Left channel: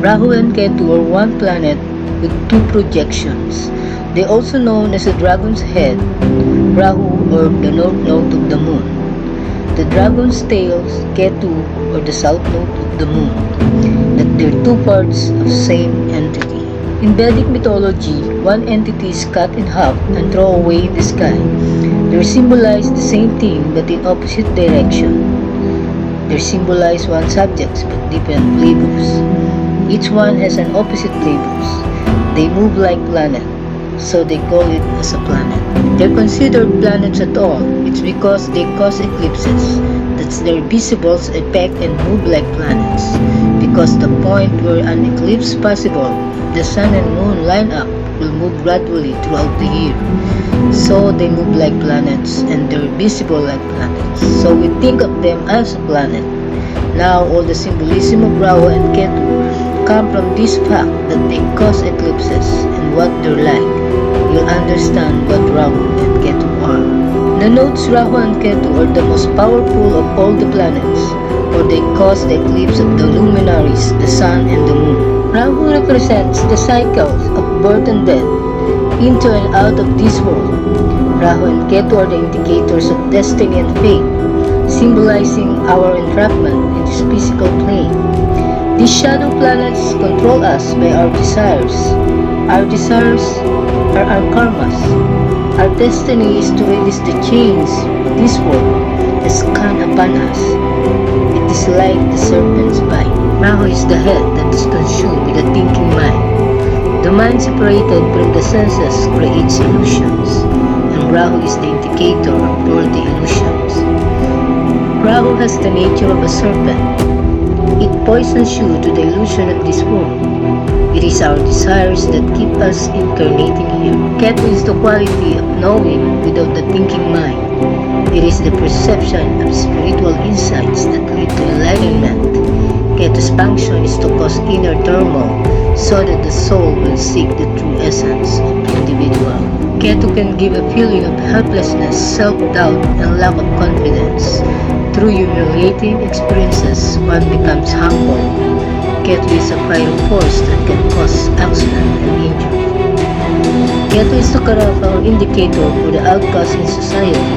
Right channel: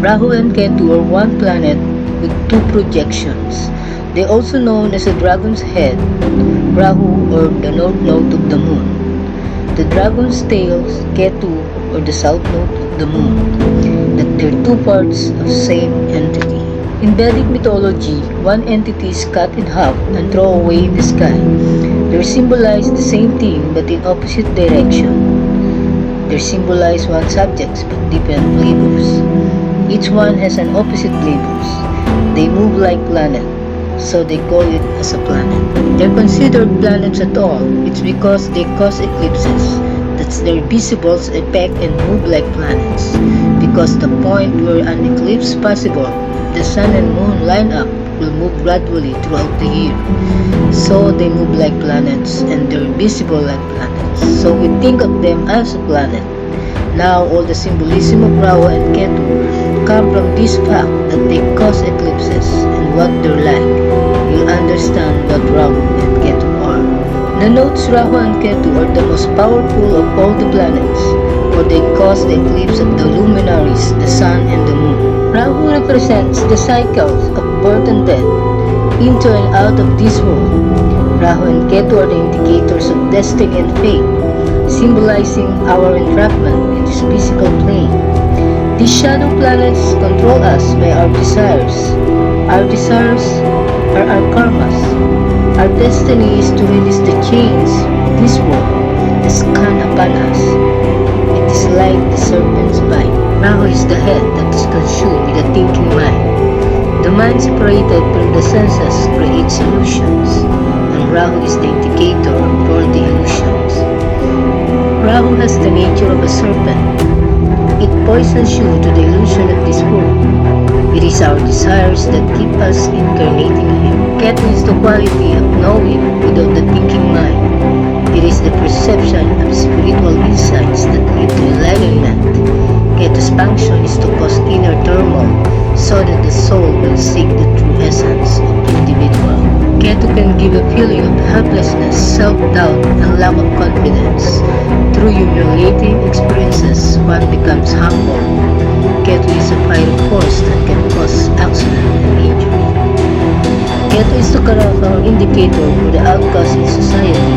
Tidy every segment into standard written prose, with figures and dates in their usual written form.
Rahu and Ketu are one planet with two projections. They are also known as the dragon's head, Rahu, or the north node of the moon. The dragon's tail, Ketu, or the south node of the moon. That they're two parts of the same entity. In Vedic mythology, one entity is cut in half and thrown away in the sky. They symbolize the same thing but in opposite direction. They symbolize one subjects but different flavors. Each one has an opposite flavors. They move like planet, so they call it as a planet. They're considered planets at all. It's because they cause eclipses. That's their visible effect and move like planets. Because the point where an eclipse possible, the sun and moon line up, will move gradually throughout the year. So they move like planets and they're visible like planets. So we think of them as a planet. Now all the symbolism of Rahu and Ketu come from this fact that they cause eclipses and what they're like. You'll understand what Rahu and Ketu are. The nodes Rahu and Ketu are the most powerful of all the planets, for they cause the eclipse of the luminaries, the sun and the moon. Rahu represents the cycles of birth and death, into and out of this world. Rahu and Ketu are the indicators of destiny and fate, symbolizing our entrapment in this physical plane. These shadow planets control us by our desires. Our desires are our karmas. Our destiny is to release the chains this world has come upon us. It is like the serpent's bite. Rahu is the head that is consumed with the thinking mind. The mind separated from the senses creates illusions, and Rahu is the indicator of all the illusions. Rahu has the nature of a serpent. It poisons you to the illusion of this world. It is our desires that keep us incarnating here. Ketu is the quality of knowing without the thinking mind. It is the perception of spiritual insights that lead to enlightenment. Ketu's function is to cause inner turmoil so that the soul will seek the true essence of individual. Ketu can give a feeling of helplessness, self-doubt, and lack of confidence. Through humiliating experiences, one becomes humble. Ketu is a fiery force that can cause accident and injury. Ketu is the character indicator for the outcast in society,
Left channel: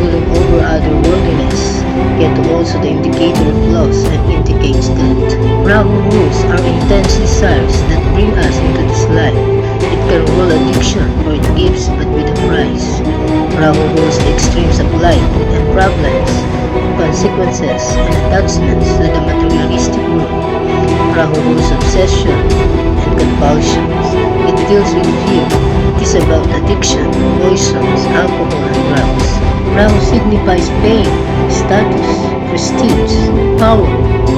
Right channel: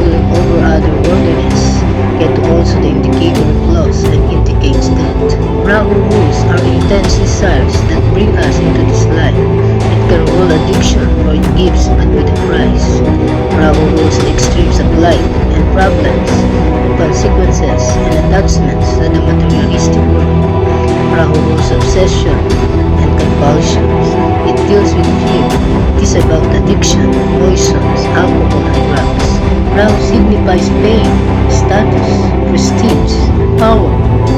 ruling over other worldliness. Ketu also the indicator of loss and indicates death. Rahu rules our intense desires that bring us into this life. It can rule addiction, for it gives but with a price. Rahu rules the extremes of life and problems, consequences, and attachments to the materialistic world. Rahu rules obsession and compulsions. It deals with fear. It is about addiction, poisons, alcohol, and drugs. Rahu signifies fame, status, prestige, power,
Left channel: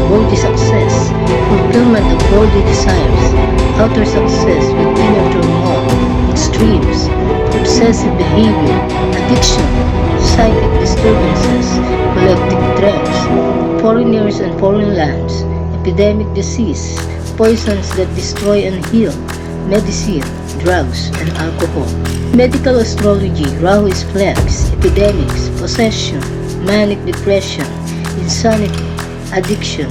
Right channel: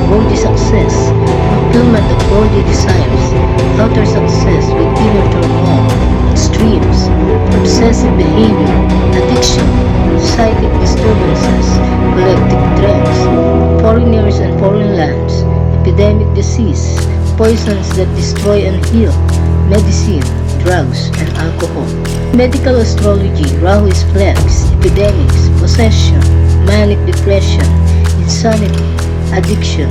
worldly success, fulfillment of worldly desires, outer success with inner turmoil, extremes, obsessive behavior, addiction, psychic disturbances, collective trends, foreigners and foreign lands, epidemic disease, poisons that destroy and heal, medicine, drugs, and alcohol. Medical astrology, Rahu is plagues, epidemics, possession, manic depression, insanity, addiction,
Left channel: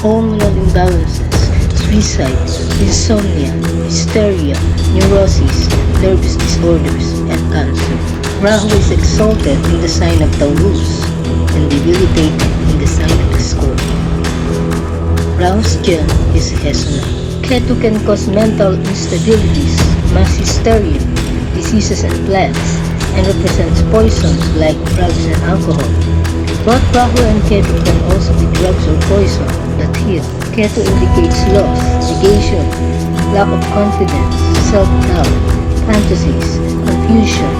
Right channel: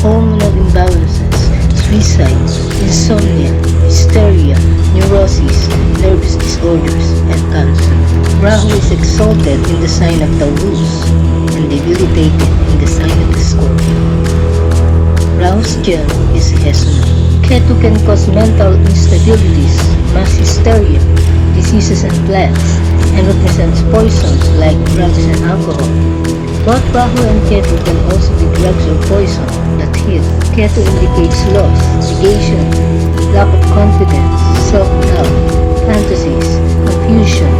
hormonal imbalances, suicide, insomnia, hysteria, neurosis, nervous disorders, and cancer. Rahu is exalted in the sign of Taurus and debilitated in the sign of Scorpio. Rahu's gem is Hesonite. Ketu can cause mental instabilities, mass hysteria, diseases and plagues, and represents poisons like drugs and alcohol. Both Rahu and Ketu can also be drugs or poison that heal. Ketu indicates loss, negation, lack of confidence, self-doubt, fantasies, confusion,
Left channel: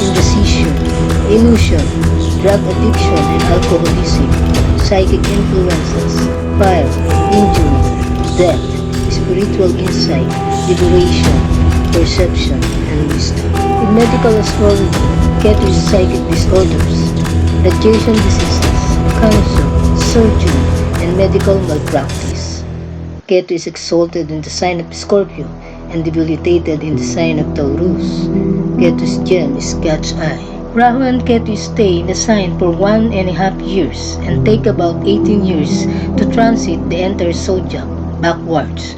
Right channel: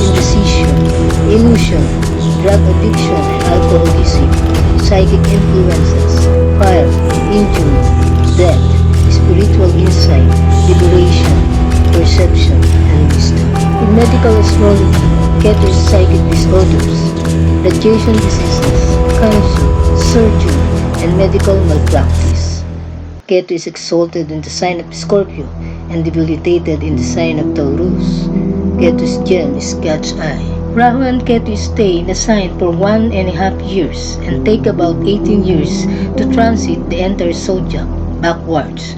indecision, illusion, drug addiction and alcoholism, psychic influences, fire, injury, death, spiritual insight, liberation, perception, and wisdom. In medical astrology, Ketu is psychic disorders, radiation diseases, cancer, surgery, and medical malpractice. Ketu is exalted in the sign of Scorpio and debilitated in the sign of Taurus. Ketu's gem is cat's eye. Rahu and Ketu stay in the sign for 1.5 years and take about 18 years to transit the entire zodiac backwards.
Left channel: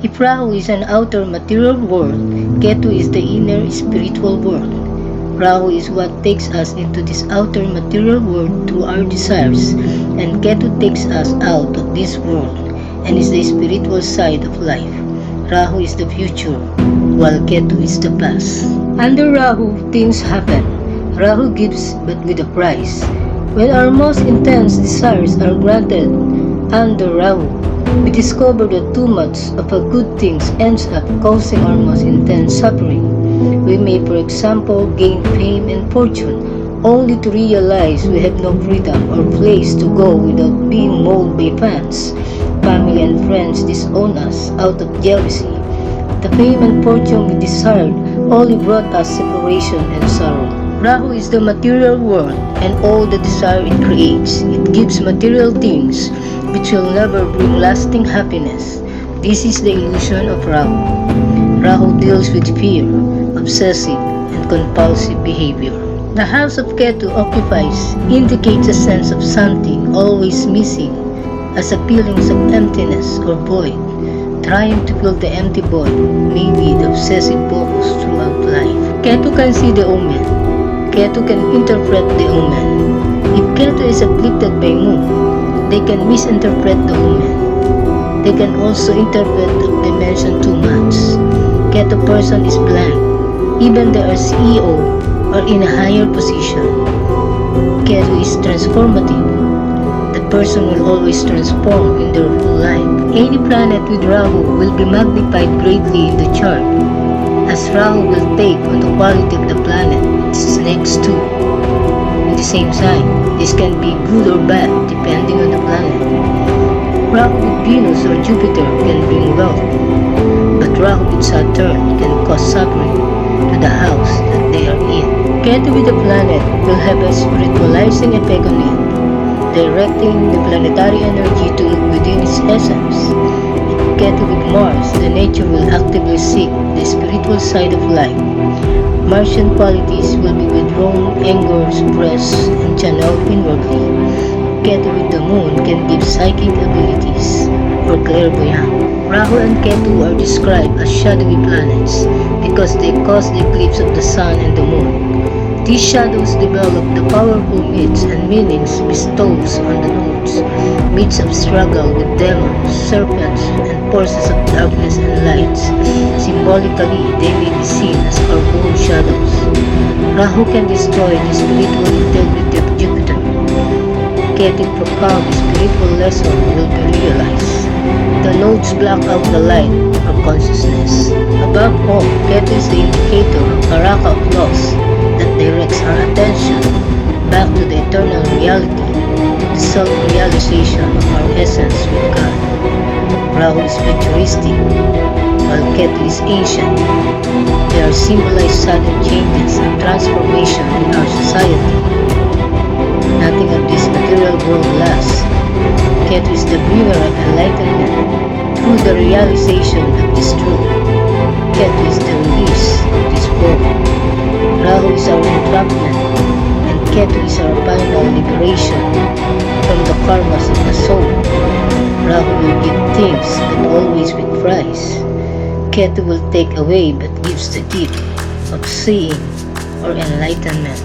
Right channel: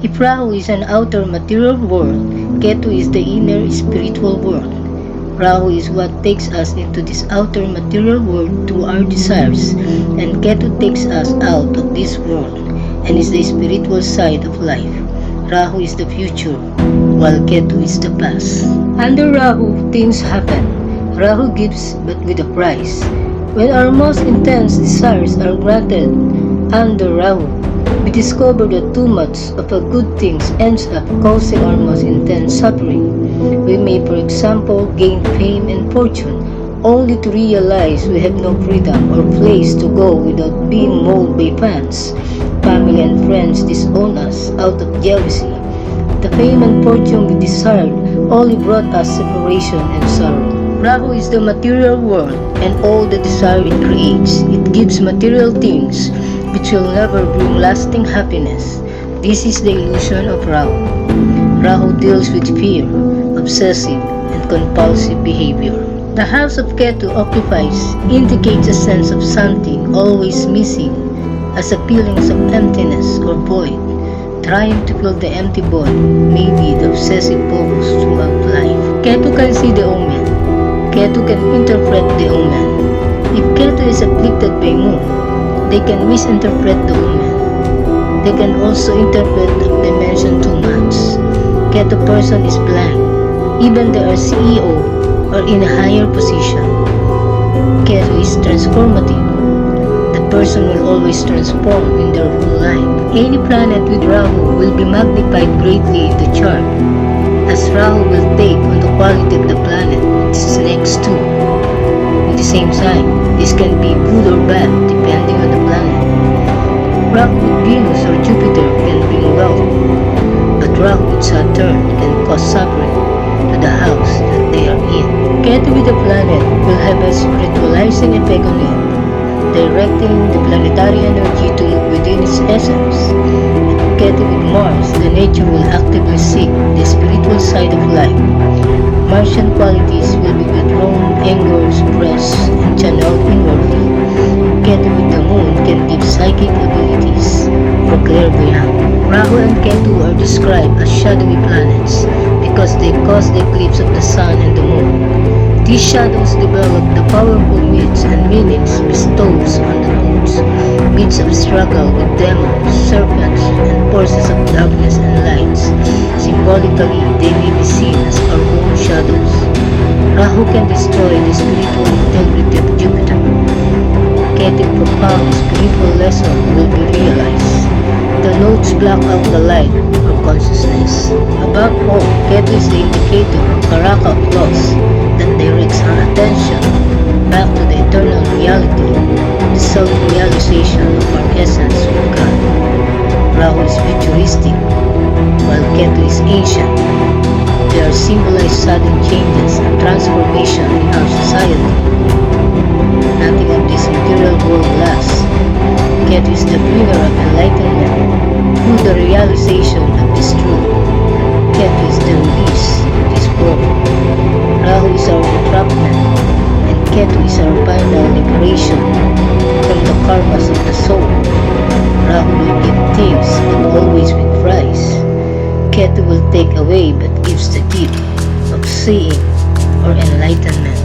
If Rahu is an outer material world, Ketu is the inner spiritual world. Rahu is what takes us into this outer material world through our desires, and Ketu takes us out of this world and is the spiritual side of life. Rahu is the future, while Ketu is the past. Under Rahu, things happen. Rahu gives but with a price. When our most intense desires are granted under Rahu, we discover that too much of a good things ends up causing our most intense suffering. We may, for example, gain fame and fortune, only to realize we have no freedom or place to go without being mauled by fans. Family and friends disown us out of jealousy. The fame and fortune we desired only brought us separation and sorrow. Rahu is the material world and all the desire it creates. It gives material things which will never bring lasting happiness. This is the illusion of Rahu. Rahu deals with fear, obsessive, and compulsive behavior. The house of Ketu occupies indicates a sense of something always missing, as a feelings of emptiness or void. Trying to fill the empty void may be the obsessive focus throughout life. Ketu can see the omen. Ketu can interpret the omen. If Ketu is afflicted by moon, they can misinterpret the omen. They can also interpret the dimension too much. Ketu person is blind, even they are CEO or in a higher position. Ketu is transformative. The person will always transform in their whole life. Any planet with Rahu will be magnified greatly in the chart, as Rahu will take on the quality of the planet it is next to. In the same sign, this can be good or bad depending on the planet. Rahu with Venus or Jupiter can bring wealth, but Rahu with Saturn can cause suffering to the house that they are in. Ketu with the planet will have a spiritualizing effect on it, directing the planetary energy to look within its essence. If Ketu with Mars, the nature will actively seek the spiritual side of life. Martian qualities will be withdrawn, anger, suppressed, and channeled inwardly. Ketu with the moon can give psychic abilities or clairvoyant. Rahu and Ketu are described as shadowy planets because they cause the eclipse of the sun and the moon. These shadows develop the powerful myths and meanings bestowed on the nodes, myths of struggle with demons, serpents, and forces of darkness and lights. Symbolically, they may be seen as our own shadows. Rahu can destroy the spiritual integrity of Jupiter. Ketu's profound spiritual lesson will be realized. The nodes block out the light or consciousness. Above all, Ketu is the indicator of karaka of loss that directs our attention back to the eternal reality, the self-realization of our essence with God. Rahu is futuristic, while Ketu is ancient. They are symbolized sudden changes and transformation in our society. Nothing of this material world lasts. Ketu is the bringer of enlightenment through the realization of this truth. Ketu is the release of this world. Rahu is our entrapment, and Ketu is our final liberation from the karmas of the soul. Rahu will give things, but always with price. Ketu will take away, but gives the gift of seeing or enlightenment.